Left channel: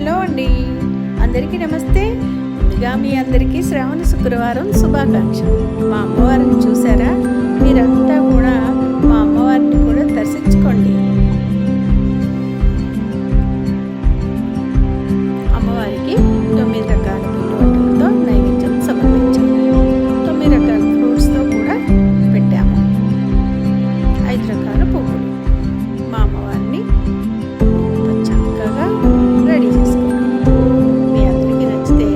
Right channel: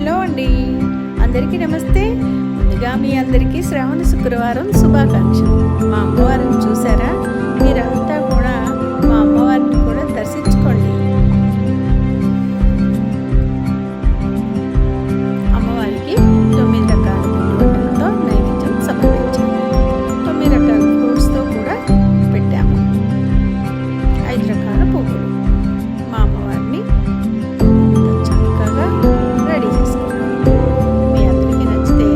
Hello అండి, అందరికీ నమస్తే. ముందుగా మీ అందరికీ శ్రావణ శుక్రవారం శుభాకాంక్షలు. మా అమ్మవారిని చూసారా? మీరంతా కూడా మా అమ్మవారిని కూడా దర్శించుకోండి. అమ్మవారికి 9 రకాల పిండి వంటలతో నైవేద్యం సమర్పించాము. 9 రకాల ఫ్రూట్స్తో కూడా పెట్టాము. 5 రకాల పువ్వులు. మా అమ్మవారిని చక్కగా రెడీ చేసుకోండి. మీ అందరికీ నచ్చితే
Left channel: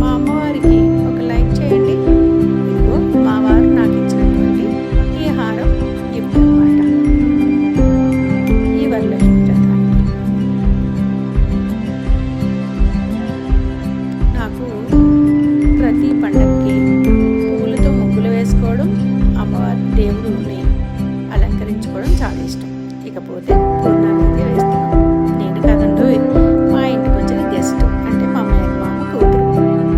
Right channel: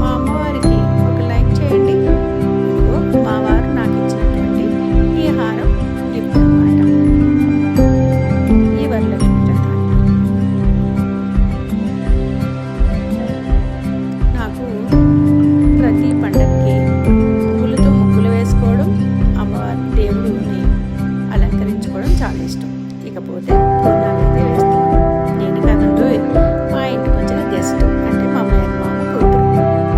మా అమ్మవారికి ఒక లైక్ చేయండి. ఇదిగో మా వారు నాకు ఇచ్చినటువంటి ఈ హారం గిఫ్ట్ అన్నమాట. ఈ వరలక్ష్మి వ్రతానికి నాకు ప్రతి పండగకి పువ్వులతో ముగ్గులు వేసుకోవడం, అమ్మవారి దేవుడిని అలంకరించుకోవడం చాలా ఇష్టం. ఇకపోతే పూర్ణాలు అయితే వేస్తున్నాను. నేను కాదండు, మా ఇంటికి వచ్చిన గెస్ట్ అంటే మా మామ కూతురు.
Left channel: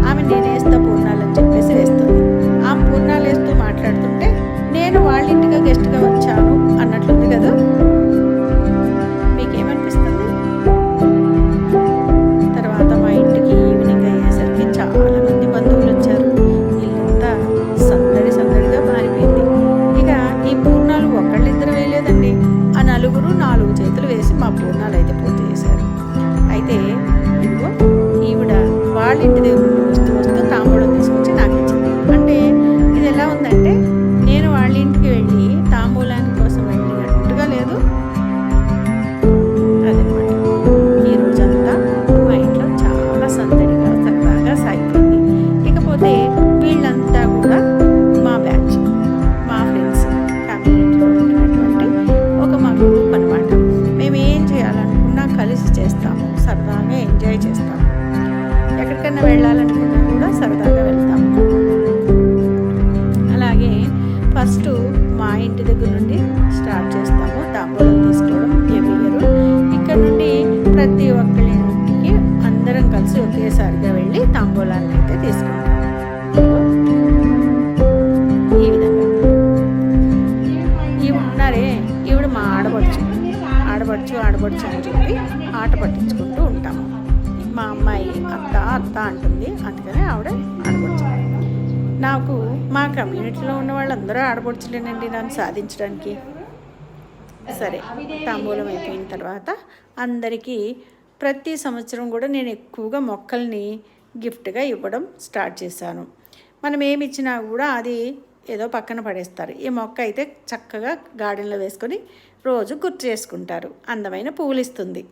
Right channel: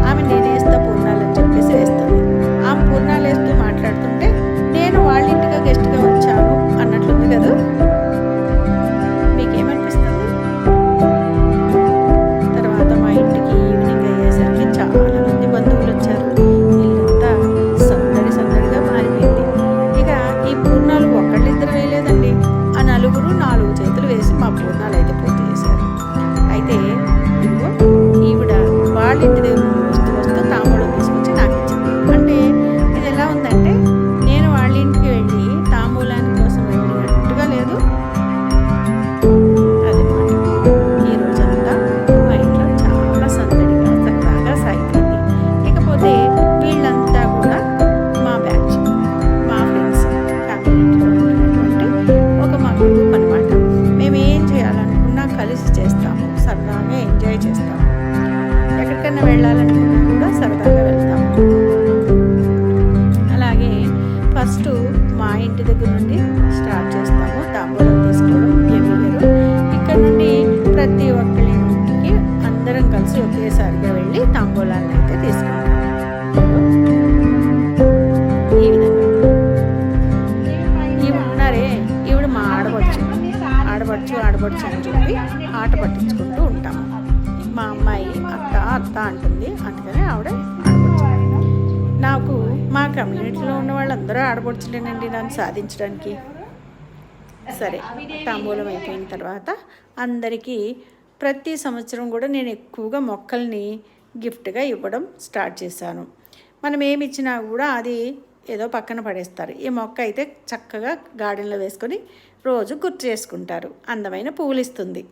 ఆమె నేను వేస్తా పూర్ణాలు అని చెప్పేసి వేస్తుంది. ఆమె పూర్ణాలు వేస్తూ మాట్లాడుతుంటే నేను వాళ్ళ ఇంటిగా గెస్ట్గా వచ్చాను అన్నట్లుంది కదా. మీకేమనిపిస్తుంది? తర్వాత మా ఇంటికి ఈవినింగ్ అయ్యేసరికి చాలామంది బంధువులు వచ్చారు. ఇల్లంతా సందడిగా మారిపోయింది. ఇక ఈ పూర్ణాలు ఒకళ్ళిద్దరు వేయలేదండి, ఆ నలుగురు 4 చేతులు వేసి మా పూర్ణాలు అయితే పూర్తి చేశారు. అయితే ఇదిగో ఈవిడ వాళ్ళ ఇంటి దగ్గర నుండి వస్తూ తాంబూలం తీసుకొచ్చి నాకు ఇచ్చింది. అంటే ఇది ఎలా ఉందంటే, నేను వాళ్ళ ఇంటికి వెళ్ళి తాంబూలాని కోసం వెళ్ళినట్టుగా లేదు. అదనమాట. ఈ రోజంతా మా ఇంట్లో చాలా సందడిగా సరదాగా సాగిపోయింది. ఇకపోతే వీళ్ళంతా కూడా మా బ్యాచ్, మా ఫ్రెండ్స్, కమ్యూనిటీలో ఉన్నటువంటి మా గ్రూప్ అనమాట. మేము ఏం చేయాలనుకున్నా కలిసి చేస్తాము, సరదాగా ఎంజాయ్ చేస్తాము. ఎక్కడికైనా వెళ్ళాలనుకున్నా కూడా సరదాగా వెళ్తాము. అలాగే ఫస్ట్ మా ఇంటి దగ్గర నుండి స్టార్ట్ చేస్తాము తాంబూలం తీసుకోవడం ఎవ్రీ ఇయర్. ఇక్కడ నుండి ప్రతి ఒక్కరి ఇంటికి అందరం కలిసి ఒకేసారిగా వెళ్ళి తాంబూలాన్ని అయితే తీసుకుంటాము. ఈ విధంగా ఈవిడ ఉన్నారే, ఈవిడ మా ఆడపడుచు అని చెప్పి ఆట పట్టించుకుంటూ ఉంటాము. మా అమ్మాయి అత్త అంటుంది, అందుకని ఆవిడ ఆడపడుచు. నాకు మా కమ్యూనిటీలో ఉన్న వాళ్ళందరూ ఆడపడుచులేనండి నన్ను సాధించడానికి. సరే, తాంబూలం అయిపోయిన తర్వాత అందరికీ ప్రతి సంవత్సరం కూడా నేను ఎక్కువగా మొక్కల్ని గిఫ్ట్గా ఇవ్వడం స్టార్ట్ చేశాను. మనం ఏమి ఇచ్చినా కూడా అది ఏదో పక్కన పడేస్తారు. ఈ మొక్క అయితే చక్కగా గార్డెన్లో వేసుకొని రోజు గుర్తు చేసుకుంటారు. అందమైన పువ్వులు ఇస్తుంది.